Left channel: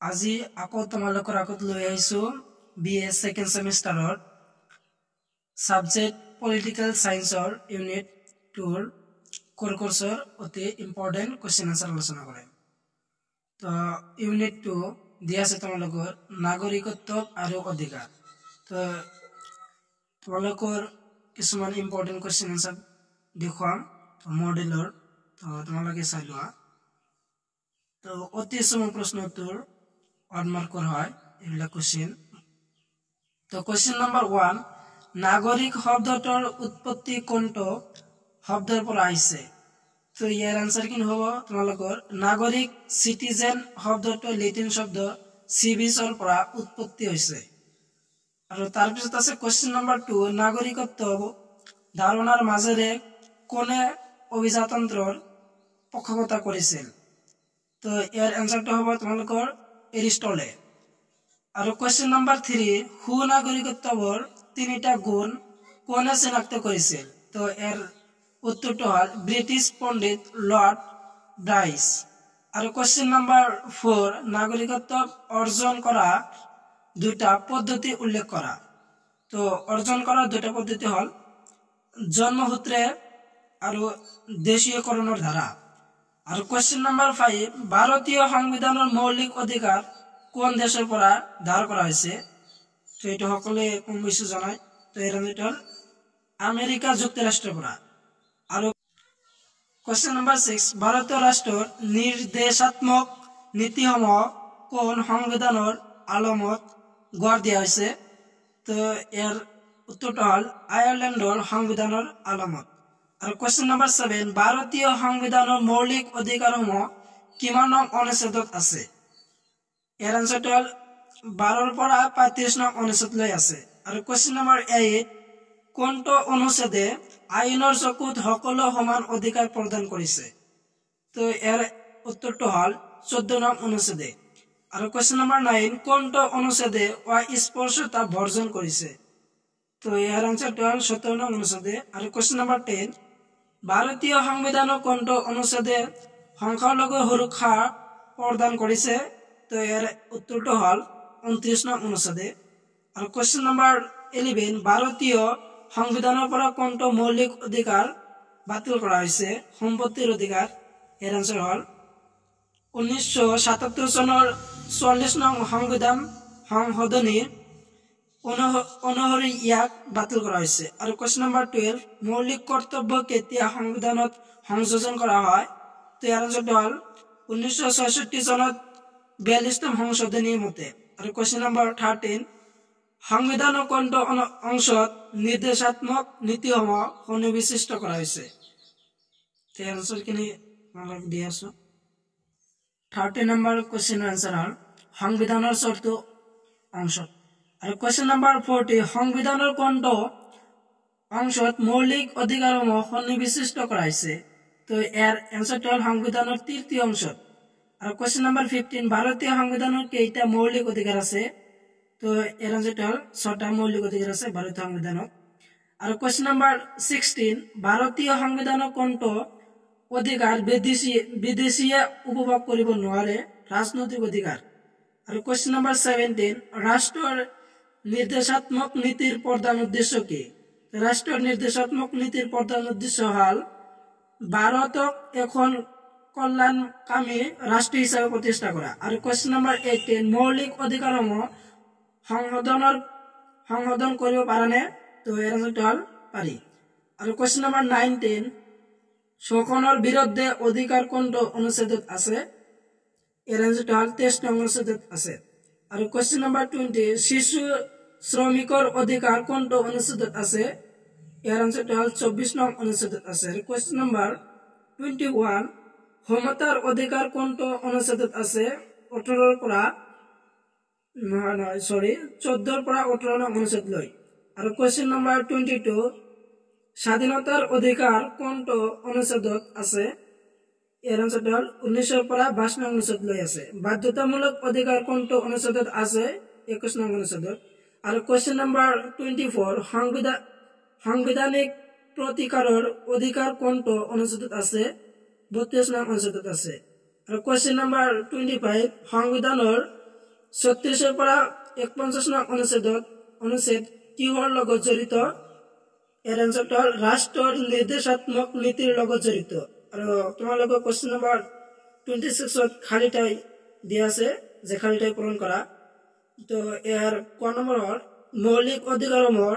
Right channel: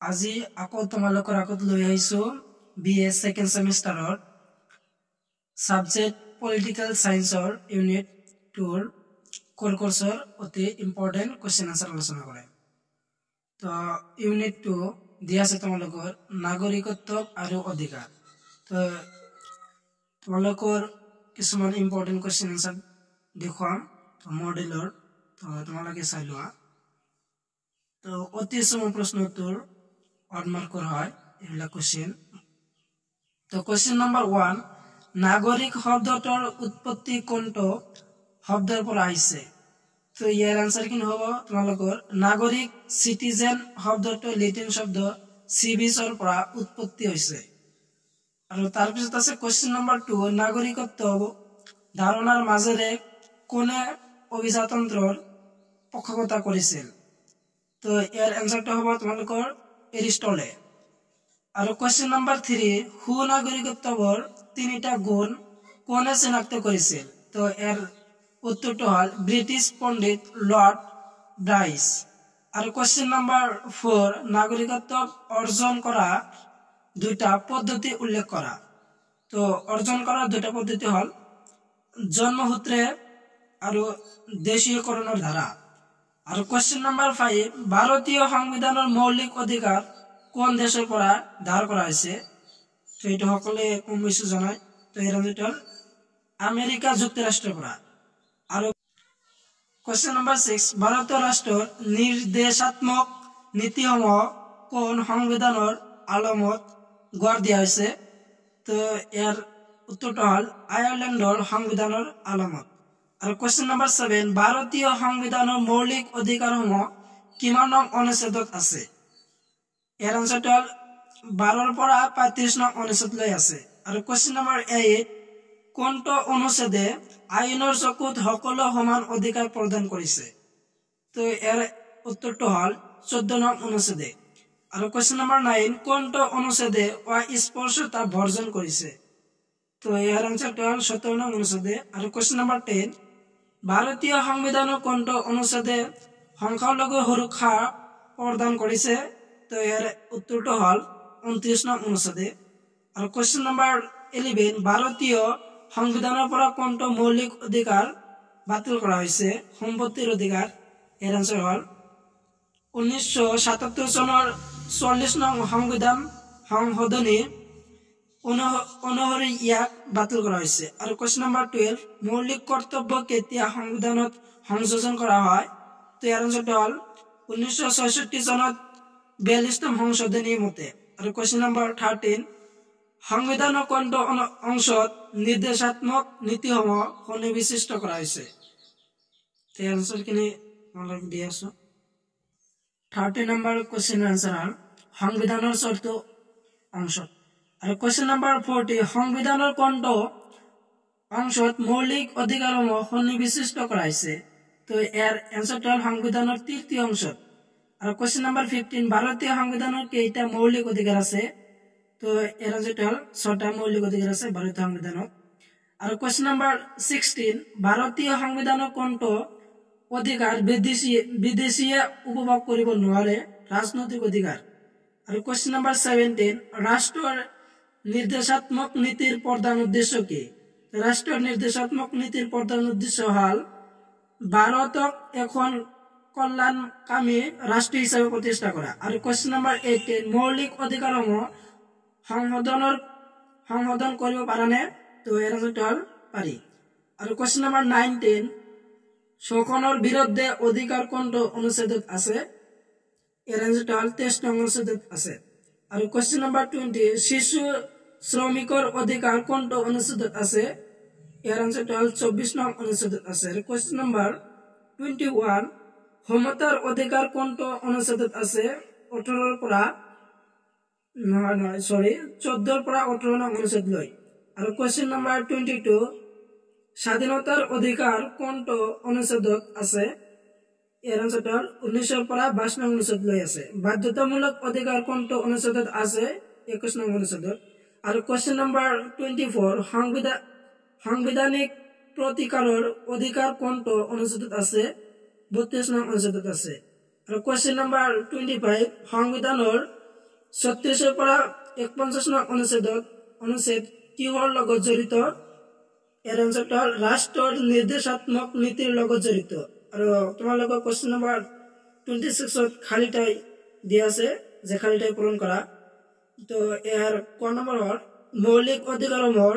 আজি আকৌ তোমালোকৰ আগত লৈ আহিছোঁ BA ছেকেণ্ড ছেমিষ্টাৰৰ ছাবজেক্ট পলিটিকেল ছায়েন্সৰ ইউনিট 2ৰ কোৰ কোৰ্সৰ অতি ইম্পৰ্টেণ্ট কুৱেশ্যন আনসাৰ আলোচনা কৰে। তো ইউনিট 2 দিয়া আছে তোমালোকৰ নাগৰিকত্ব আৰু অধিকাৰ। তো তোমালোকৰ কিছুমান ইম্পৰ্টেণ্ট কুৱেশ্যন আনসাৰ দেখুৱাম মডেলৰ, তো তোমালোকে চাই লোৱা। তো অতি চমু প্ৰশ্নটোৰ 1 মাৰ্কৰ হয় এইবিলাক কুৱেশ্যন। তো কুৱেশ্যন নম্বৰ 1, নাগৰিক শব্দটোৰ উৎপত্তি কোনটো শব্দৰ পৰা আহিছে? তো ইয়াৰ আনসাৰ কি হ'ব তোমালোকৰ নাগৰিক সিটিজেন শব্দটো লেটিন শব্দ সিভিছৰ পৰা উৎপত্তি হৈছে। আৰু তাৰ পিছত আছে কুৱেশ্যন নম্বৰ 2, নাগৰিকত্ব ধাৰণাৰ মাজেৰে কোনে অভিজাতন্ত্ৰৰ পক্ষপাত কৰিছিল? তো ইয়াৰ আনসাৰটো হ'ব তোমালোকৰ এৰিষ্টটলে। আৰু কুৱেশ্যন নম্বৰ 3, সুনাগৰিকত্বৰ 3টা গুণ কোনে চিনাক্ত কৰিছিল? তো ইয়াৰ উত্তৰটো হ'ল ব্ৰিটিছ পণ্ডিত লৰ্ড ব্ৰাইছ। আৰু কুৱেশ্যন নম্বৰ 4, নাগৰিকত্ব অৰ্জন কৰা 2টা পদ্ধতি উল্লেখ কৰা। তো অৰ্জন কৰা 2টা পদ্ধতি হ'ল জন্মসূত্ৰে আৰু দেশীয়কৰণৰ ধাৰা। আৰু কুৱেশ্যন নম্বৰ 5, ভাৰতীয় সংবিধানৰ মৌলিক অধিকাৰ কোন দেশৰ পৰা ধাৰ কৰা হৈছে? তো এইটো সকলোৱে কম বেছি জনায়। তো এৰ আনসাৰটো হ'ল আমেৰিকা যুক্তৰাষ্ট্ৰৰ পৰা। আৰু কুৱেশ্যন নম্বৰ 6, ভাৰতীয় ৰাষ্ট্ৰৰ নিৰ্দেশাত্মক নীতিসমূহ কোন সংবিধানৰ আলমত গঢ় দিয়া হৈছে? তো ইয়াৰ উত্তৰটো হ'ল আয়াৰলেণ্ডৰ সংবিধানৰ আলমত। আৰু কুৱেশ্যন নম্বৰ 7, ভাৰতীয় সংবিধানৰ মৌলিক অধিকাৰসমূহ কিমান নং অনুচ্ছেদত আছে? ইয়াৰ আনসাৰটো হ'ল 12ৰ পৰা 35 নং অনুচ্ছেদলৈ আছে। আৰু কুৱেশ্যন নম্বৰ 8, কোনটো অনুচ্ছেদে আইনৰ চকুত সকলো সমান অধিকাৰ প্ৰদান কৰিছে? তো ইয়াৰ উত্তৰটো হ'ল 14 নং অনুচ্ছেদে। আৰু কুৱেশ্যন নম্বৰ 9, কোনটো অনুচ্ছেদে অস্পৃশ্যতা বৰ্জন কৰিছে? তো ইয়াৰ আনসাৰটো হ'ল 17 নং অনুচ্ছেদে। আৰু কুৱেশ্যন নম্বৰ 10, ভাৰতীয় সংবিধানৰ কোনটো অনুচ্ছেদে সংখ্যালঘু সুৰক্ষা প্ৰদান কৰিছে? তো ইয়াৰ উত্তৰটো হ'ল 29 নং অনুচ্ছেদে। আৰু কুৱেশ্যন নম্বৰ 11, ভাৰতীয় সংবিধানৰ পৰা কোনটো মৌলিক অধিকাৰ বাতিল কৰা হৈছে? সম্পত্তিৰ অধিকাৰ। ইয়াৰ আনসাৰ হ'ল 1977 চনৰ 40 নং সংবিধান সংশোধনী অনুসৰি ইয়াক বাতিল কৰা হৈছে। আৰু কুৱেশ্যন নম্বৰ 12, মৌলিক কৰ্তব্য কেতিয়া সংবিধানত সংযোজন কৰা হয়? তো ইয়াৰ আনসাৰটো হ'ল 1966 চনত 42তম সংশোধনী মতে। আৰু কুৱেশ্যন নম্বৰ 13, সংবিধানৰ কোনটো অংশত নিৰ্দেশাত্মক নীতিসমূহ সন্নিৱিষ্ট কৰা হৈছে? এই আনসাৰখিনি আপোনালোকক দি আছো। 13 নম্বৰ কুৱেশ্যনৰ আনসাৰ হ'ল সংবিধানৰ 4টো অংশত। আৰু কুৱেশ্যন নম্বৰ 40, সংবিধানৰ কোনটো অংশত মৌলিক অধিকাৰসমূহ সন্নিৱিষ্ট কৰা হৈছে? তো ইয়াৰ এনসাৰটো হ'ল সংবিধানৰ 3টো অংশত। আৰু কুৱেশ্যন নম্বৰ 15, ভাৰতীয় সংবিধানৰ কেইটা মৌলিক অধিকাৰ আছে? তো ইয়াৰ আনসাৰটো হ'ল 6টা মৌলিক অধিকাৰ আছে ভাৰতীয় সংবিধানত। আৰু কুৱেশ্যন নম্বৰ 16, ভাৰতীয় সংবিধানৰ কোনটো অধিকাৰ বিদেশীয়ে উপভোগ কৰিব নোৱাৰে? ৰাজনৈতিক অধিকাৰ। আৰু কুৱেশ্যন নম্বৰ 17, ৰাষ্ট্ৰৰ নিৰ্দেশাত্মক নীতিৰ প্ৰধান উদ্দেশ্য কি? ৰাষ্ট্ৰৰ নিৰ্দেশাত্মক নীতিৰ প্ৰধান উদ্দেশ্য হ'ল ভাৰতক এখন কল্যাণকামী ৰাষ্ট্ৰ হিচাপে প্ৰতিষ্ঠা কৰা। আৰু কুৱেশ্যন নম্বৰ 18, মৌলিক অধিকাৰসমূহ সংশোধন কৰিব পাৰানে? তো ইয়াৰ আনসাৰটো হ'ল পাৰি। আৰু কুৱেশ্যন নম্বৰ 19, শোষণৰ বিৰুদ্ধে অধিকাৰ কোনটো অনুচ্ছেদত আছে? ইয়াৰ আনসাৰটো হ'ল 23 নং অনুচ্ছেদত আছে। আৰু কুৱেশ্যন নম্বৰ 20, শিশু শ্ৰমিকৰ অধিকাৰ কোনটো অনুচ্ছেদত আছে? ইয়াৰ আনসাৰটো হ'ল 24 নং অনুচ্ছেদত আছে। আৰু কুৱেশ্যন নম্বৰ 21, সমতাৰ অধিকাৰ কোনটো অনুচ্ছেদত আছে? 14ৰ পৰা 18 নং অনুচ্ছেদ লৈ। আৰু কুৱেশ্যন নম্বৰ 22, স্বাধীনতাৰ অধিকাৰ কোনটো অনুচ্ছেদত আছে? ইয়াৰ আনসাৰটো হ'ল 19ৰ পৰা 22 নং অনুচ্ছেদ লৈ আছে। বাধ্যতামূলক অধিকাৰ কোনটো অনুচ্ছেদত আছে? 21 নং অনুচ্ছেদত। আৰু কুৱেশ্যন নম্বৰ 24, সাংবিধানিক প্ৰতিকাৰৰ অধিকাৰ কোনটো অনুচ্ছেদত আছে? 32 নং অনুচ্ছেদত আছে। আৰু কুৱেশ্যন নম্বৰ 25, সংবিধানৰ 36 পৰা 51 নং অনুচ্ছেদ কিহৰ লগত জড়িত? ইয়াৰ এনসাৰটো হ'ল ৰাষ্ট্ৰৰ নিৰ্দেশাত্মক নীতিৰ লগত জড়িত। আৰু তোমালোকৰ কোৱেশ্চন নম্বৰ 26 খালি ঠাই দিয়া আছে, যে খালি ঠাই পূৰণ কৰা। তো ইয়াৰ ক নম্বৰ হ'ল মৌলিক অধিকাৰসমূহৰ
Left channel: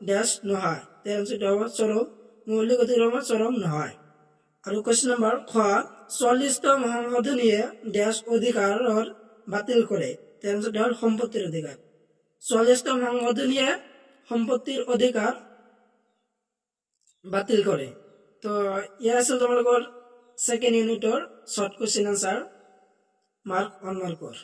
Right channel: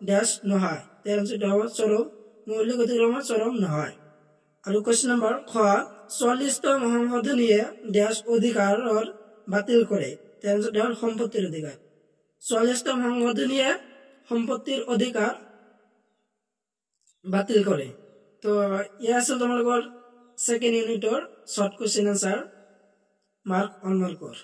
ডেছ নহয়। ইয়াৰ এনসাৰটো হ'ব চৰম, মৌলিক অধিকাৰসমূহ চৰম নহয়। আৰু কোৱেশ্চন নম্বৰ খ 44তম সংশোধনীয়ে ডেছ অধিকাৰৰ বাতিল কৰে। ইয়াৰ এনসাৰটো হ'ল সম্পত্তিৰ অধিকাৰ। 44তম সংশোধনীয়ে সম্পত্তিৰ অধিকাৰ বাতিল কৰে। তো ইয়াৰ আছিল তোমালোকৰ 2nd ইউনিটৰ শৰ্ট কুৱেশ্চন আনসাৰ, মাৰ্ক 1 মাৰ্কৰ।